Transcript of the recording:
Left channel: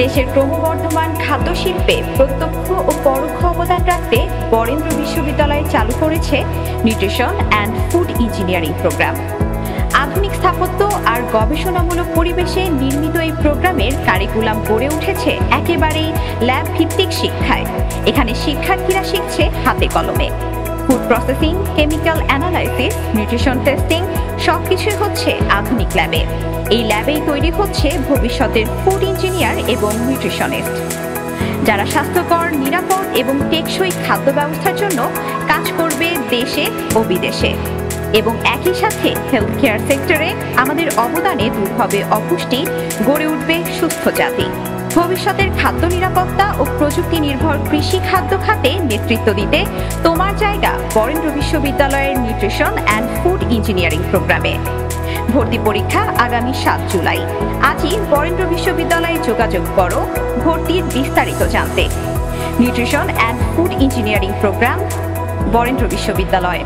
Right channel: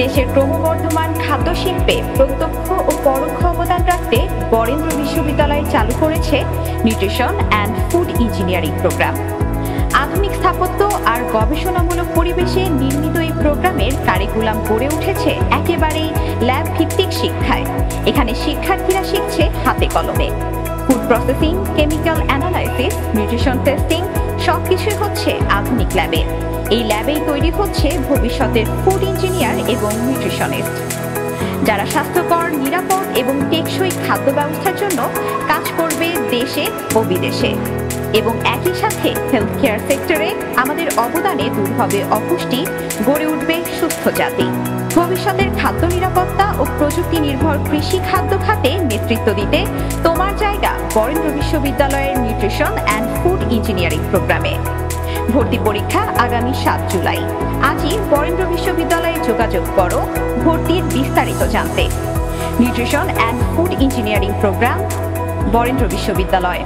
দেশের ক্রমবর্ধমান খাদ্য শিল্পে প্রত্যক্ষ ও পরোক্ষ অবদান রাখতে বরেন্দ্র বিশ্ববিদ্যালয় চালু করেছে nutrition and food engineering programme. আধুনিক স্থাপত্য আর গবেষণামূলক পরিবেশে নির্মিত এই প্রোগ্রামের কারিকুলাম গড়ে উঠেছে একেবারেই ল্যাব ভিত্তিক শিক্ষায়। এখানে শিক্ষার্থীরা শিখছে হাতে কলমে। Food processing, chemical analysis, nutrition testing সবকিছুই হচ্ছে আধুনিক ল্যাবে। এই ল্যাবেই তৈরি হচ্ছে ভবিষ্যতের ফুড ইঞ্জিনিয়ার এবং নিউট্রিশনিস্ট, যারা স্বাস্থ্যকর, নিরাপদ এবং টেকসই খাদ্য ব্যবস্থার জন্য কাজ করবে দেশে ও বিদেশে। এবং একই সাথে হেলথ কেয়ার সেক্টরে আমাদের অবদানে দূর হবে অপুষ্টি, গড়ে উঠবে সুস্থ জাতি। ভবিষ্যতের খাদ্য নিরাপত্তা ও প্রযুক্তি নির্ভর কৃষি খাদ্য খাতে নেতৃত্ব দিতে তোমার জায়গা বরেন্দ্র বিশ্ববিদ্যালয়ের নিউট্রিশন অ্যান্ড ফুড ইঞ্জিনিয়ারিং প্রোগ্রামে। ভর্তি পরীক্ষা আগামী 7 জুলাই। আজই বরেন্দ্র বিশ্ববিদ্যালয়ে যোগাযোগ করো ভর্তির বিস্তারিত জানতে। Nutrition and food engineering programme, Barendra বিশ্ববিদ্যালয়।